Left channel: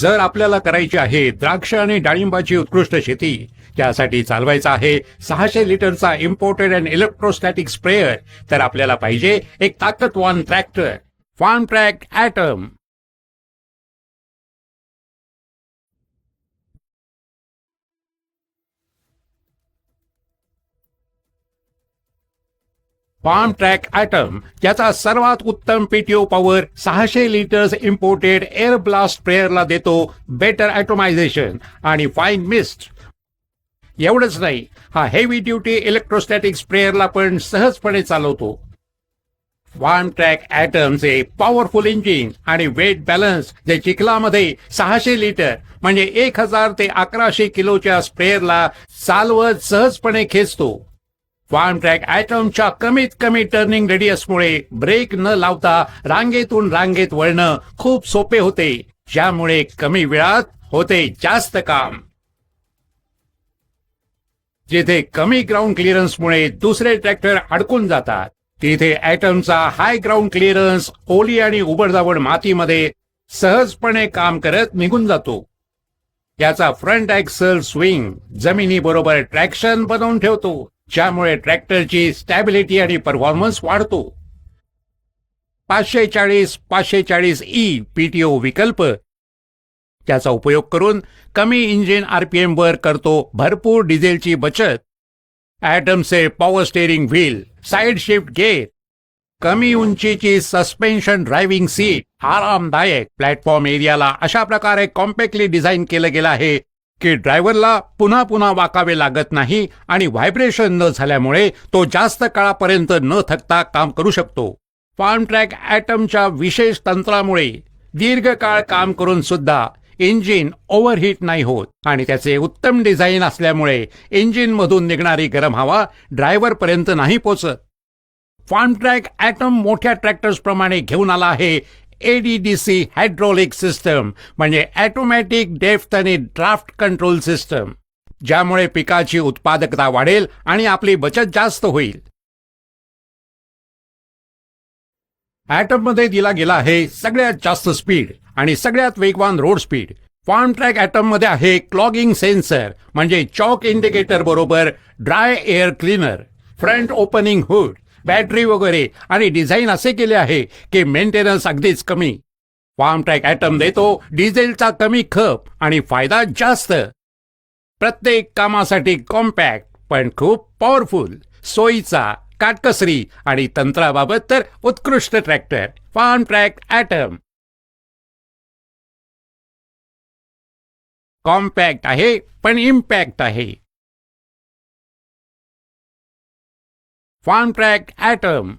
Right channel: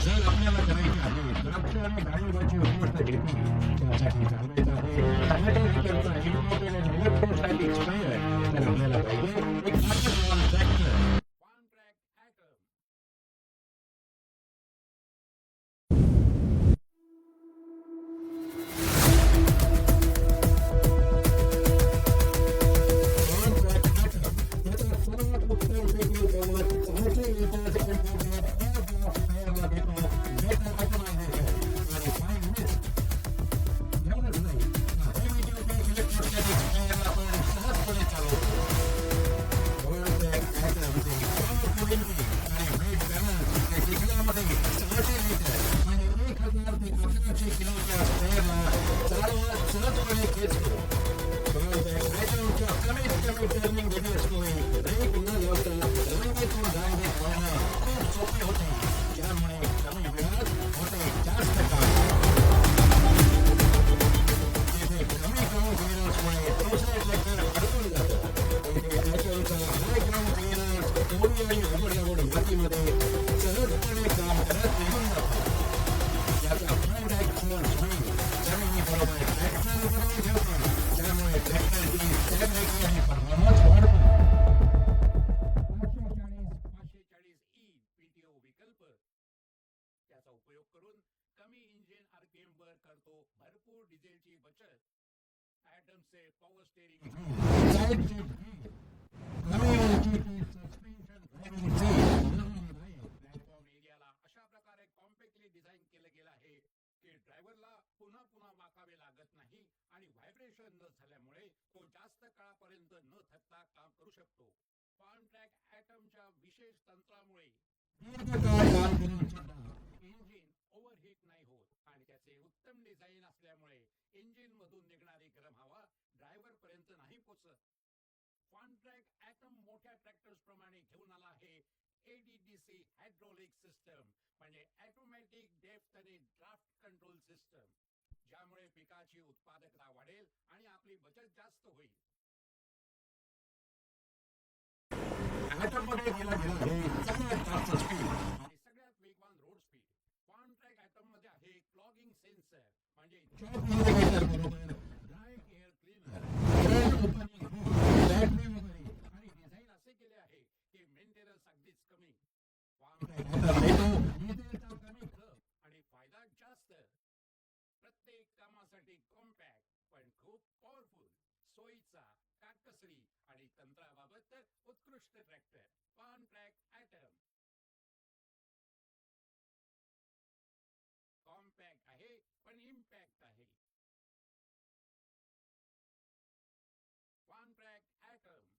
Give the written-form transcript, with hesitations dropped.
जर आपल्याला करायची आहे द्राक्ष आणि डाळिंबाची उत्कृष्ट शेती, त्यासाठी चालवायचा आहे 600 लिटरचा इम्पोर्टेड अँड इलेक्ट्रोस्टॅटिक स्प्रेअर, तर आपल्याला पाहिजे एक ताकदवान tractor Farmtrac Atom. Farmtrac Atom त्याचा सर्वात उत्तम PTO power 600 litres imported air blast स्प्रेअरला देतो बेटर ॲटोमायझेशन आणि फाईन मिस्ट. एवढंच नाही, हा हेवी ड्युटी इलेक्ट्रोस्टॅटिक स्प्रेअरला पण सहजपणे चालवतो. फार्म ट्रॅक ॲटमचे पॉवरफुल इंजिन आणि वेट बॅलन्स जे चिखलामध्ये 600 लिटर म्हणजे 1000 ते 1100 किलोच्या स्प्रेअरला चालवत सहजपणे खेचतो. फार्म ट्रॅक ॲटमच्या कमीत कमी टर्निंग रेडियसमुळे ब्रेक न लावता रांगेतून रांगेत वळणं खूप सोपे होते, ज्यामुळे कमी वेळात होते जास्त काम. जिथे कमी ग्राउंड क्लिअरन्समुळे दुसरे ट्रॅक्टर अडकून जातात, तिथे ॲटमचा हाय ग्राउंड क्लिअरन्स ओली आणि उबडदाबड मातीमध्ये सहजपणे काम करत निघून जातो. याचा फ्रंट ॲक्सल स्विंग जमिनीबरोबर ट्रॅक्शन बनवून ठेवतो, ज्यामुळे ट्रॅक्टरची स्टॅबिलिटी आणि परफॉर्मन्स वाढतो. 540/540E पीटीओ विकल्प त्याचा उपयोग करून कमी इंजिन RPM वर करतो भरपूर डिझेलची बचत. ॲटमचे power steering wheel, side shift gear, कमी उंचीची सस्पेन्शन ड्रायव्हिंग सीट, आरामदायक प्लॅटफॉर्म एरियाला अशा प्रकारे कॉम्पॅक्टली डिझाईन केलं गेलं आहे की ड्रायव्हरला पुन्हा पुन्हा वाकावे लागत नाही आणि व्हायब्रेशन न झाल्यामुळे तो जास्त काळापर्यंत न थकता काम करू शकतो. फार्म ट्रॅक ॲटमच्या विशेष तंत्रामुळे दीर्घकाळ काम करून सुद्धा इंजिन ओव्हरहीट नाही होत आणि त्याचे उत्तम डिझाईन असल्यामुळे इंजिनमधून निघणारी गरम हवा ड्रायव्हरपर्यंत नाही पोचत. फार्म ट्रॅक ॲटम मोठ्या ट्रॅक्टर्स प्रमाणे घेऊन आला आहे ADDC हायड्रोलिक सिस्टम म्हणजे ऑटोमॅटिक डेप्थ आणि ड्राफ्ट कंट्रोल सिस्टम, ज्यामुळे पिकाची उत्पादकता वाढेल आणि आपली बचत जास्त होईल. ॲटममध्ये दिला गेला आहे सगळ्यात जास्त स्पीड आणि सगळ्यात वेगवान रोड स्पीड. फार्म ट्रॅक ॲटममध्ये आहे क्लॉगिंग सेन्सर म्हणजे चॉक इंडिकेटर बरोबर dry air cleaner, front opening hood, battery वगैरे, आणि डिझाईन असे केले आहे की मेंटेनन्स अगदीच कमी. फार्म ट्रॅक ॲटम देतो डिझेलचा कमी खप आणि फायदा जास्त. प्रत्येक कामासाठी कॉम्पॅक्ट पण खूप पॉवरफुल, सोयीचा, काटकसरी आणि तंत्राबाबत तर उत्कृष्ट tractor Farmtrac atom. Compact आहे पण इम्पॅक्ट आहे. Farmtrac item.